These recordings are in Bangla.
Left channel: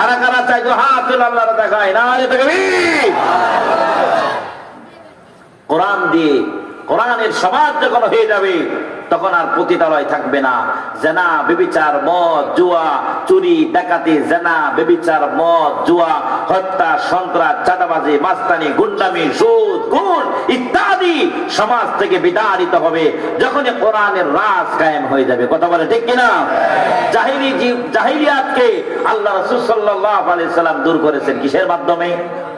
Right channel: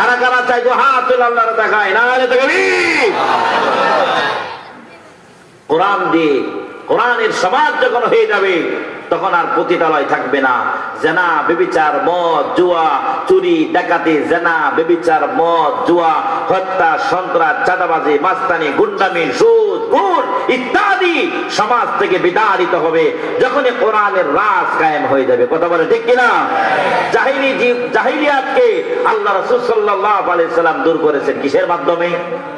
কারা কারা চাই তো হাত তুলে আল্লাহর দেখায় না কোরআন দিয়ে কোরআনের সমাজ যখন হয়ে যাবে তখন আর পতিতালয় থাকবে না। জেনা, ব্যভিচার, মদ, জুয়া, চুরি, ডাকাতি, জেনা, ব্যভিচার, মদ, জুয়া, হত্যা, সন্ত্রাস, চাঁদাবাজি, মাস্তানি, গুন্ডামি, সুদ, ঘুষ ইত্যাদি সমাজ থেকে বিতাড়িত হবে যখন কোরআনের রাজ কায়েম হয়ে যাবে। কথা বলে ঠিক কিনা? জাহিলিয়াতকে আল্লাহ রাসূল সাল্লাল্লাহু আলাইহি সাল্লাম দূর করেছেন কিসের মাধ্যমে?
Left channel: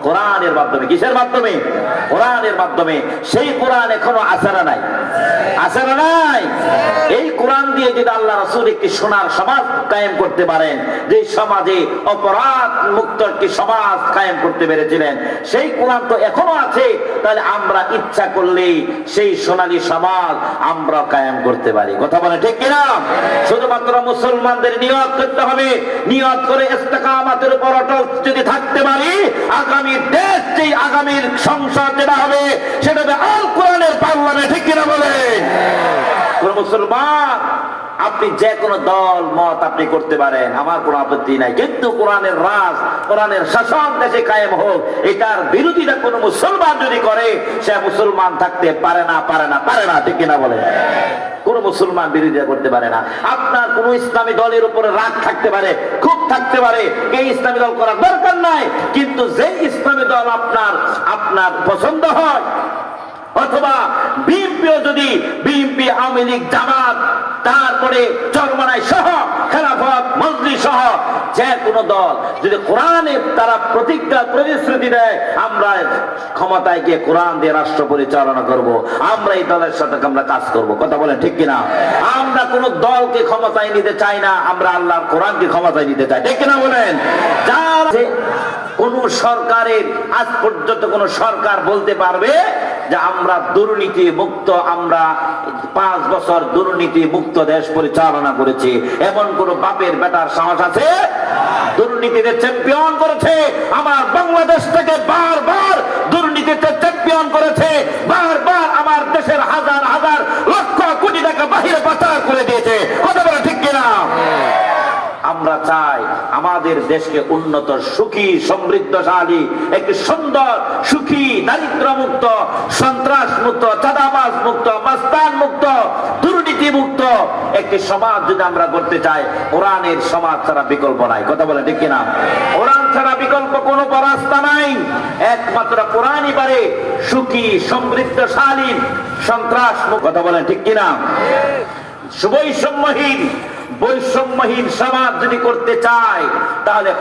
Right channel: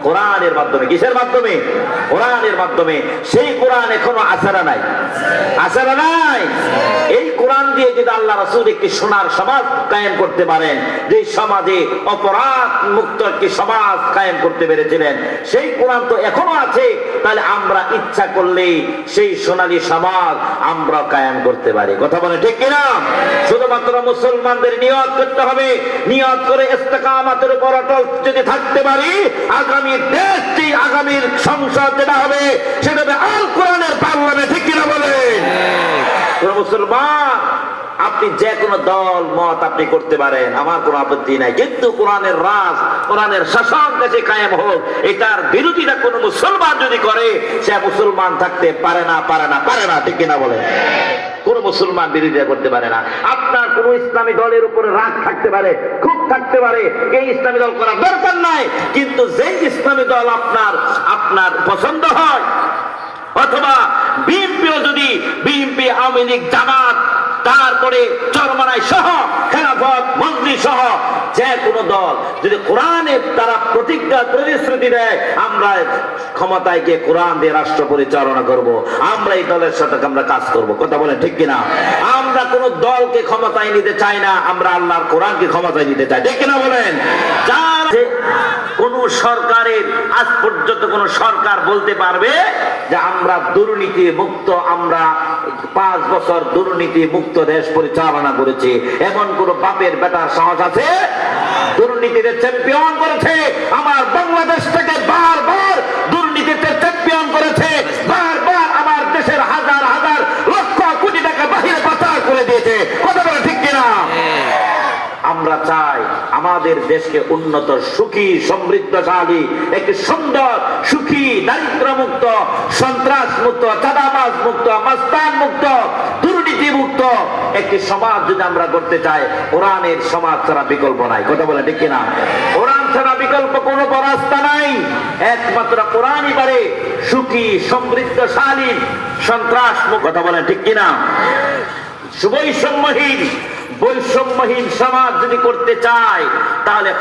কোরআনের মাধ্যমে। কিসের মাধ্যমে? কোরআনের মাধ্যমে। সেই কোরআন এখনো আছে না নাই? আছে না নাই? এই কোরআন দিয়ে যদি আল্লাহ রাসূল একটি সোনার সমাজ কায়েম করতে পারেন, যে সমাজে অপরাধ মুক্ত একটি সমাজ কায়েম করতে পেরেছিলেন, সেই কোরআন তো এখনো আছে। তাহলে আমরা ইচ্ছা করলেই সেই সোনালী সমাজ আমরা কায়েম করতে পারি। কথা বলে ঠিক কিনা? শুধুমাত্র মুসলমানদের নিয়ত করতে হবে। নিয়ত করে ইস্তেকামতের উপর অটল যদি থাকতে পারি, আগামী দেশ যে আগামীর সংসদ যেটা হবে সেটা হবে আল কোরআনের পার্লামেন্ট। ঠিক কিনা বলেন? মুসলমান আপনি যে কোনো দল মত আপনি করতে পারেন, আমার কোনো আপত্তি নাই, কিন্তু কোরআনের রাজ, কোরআনের শাসন দেশে কায়েম হোক, এটার বিরোধিতা কোন মুসলমান যদি করে সে মুসলমান থাকতে পারে না, পারে না, পারে না। ঠিক কিনা বলে? কোন মুসলমান বিরোধিতা করতে পারে না। আপনার কোন ইসলামী দলের উপরে রাগ থাকতে পারে, খুব থাকতে পারে, এই ইসলামী দল করার দরকার নাই, কিন্তু যে ইসলামী দল আপনার পছন্দ হয়, অথবা বিএনপিও যদি বিএনপি, আওয়ামী লীগ, জামাত, তারপরে চরমনাই সহ খেলাফত মন্ত্রী সহ যে কোনো দল যদি কোরআনের তারা প্রতিশ্রুতি দেয় আমরা ক্ষমতায় গিয়ে কোরআন দিয়ে রাষ্ট্র পরিচালনা করব, আমরা এই দলের সাথে আমরা কাজ করব। কথা বলেন ঠিক কিনা? আমরা কোন দলকে ক্ষমতায় নিতে চাই না, আমরা আল্লাহর কোরআনকে ক্ষমতায় নিতে চাই। ঠিক কিনা বলেন? যার কোন সরকারের আজ পর্যন্ত কোন সরকার বলতে পারবে যে আমরা দুর্নীতি মুক্ত, আমরা 5 বছর দুর্নীতি মুক্ত দেশ পরিচালনা করেছি, এমন কোন বাপের বেটার সাহস আছে? দুর্নীতিতে চ্যাম্পিয়ন করেছে আমার বাংলাদেশ থেকে, বারবার দুর্নীতিতে চ্যাম্পিয়ন করেছে, বারবার আমার দেশের হাজার হাজার লক্ষ কোটি টাকা বাহিরে পাচার করে দিয়েছে। কথা বলে ঠিক কিনা? আমরা চাই আমাদের দেশকে উন্নত, সুখী, সমৃদ্ধশালী, একটি সুন্দর, সুখী, দারিদ্র মুক্ত, সন্ত্রাস মুক্ত, চাঁদাবাজ মুক্ত, মাস্তান মুক্ত, দুর্নীতি মুক্ত একটি সমাজ যদি আমরা করতে চাই, কোরআনের সমাজ ছাড়া বিকল্প নাই। কথা বলে ঠিক কিনা? কোরআন ছাড়া বিকল্প কোনো রাস্তা নাই, একমাত্র কোরআনই পারে সুখী, সমৃদ্ধশালী, সন্ত্রাস মুক্ত। কথা বলে ঠিক কিনা? বৈষম্যহীন সমাজ যদি করতে চায় তাহলে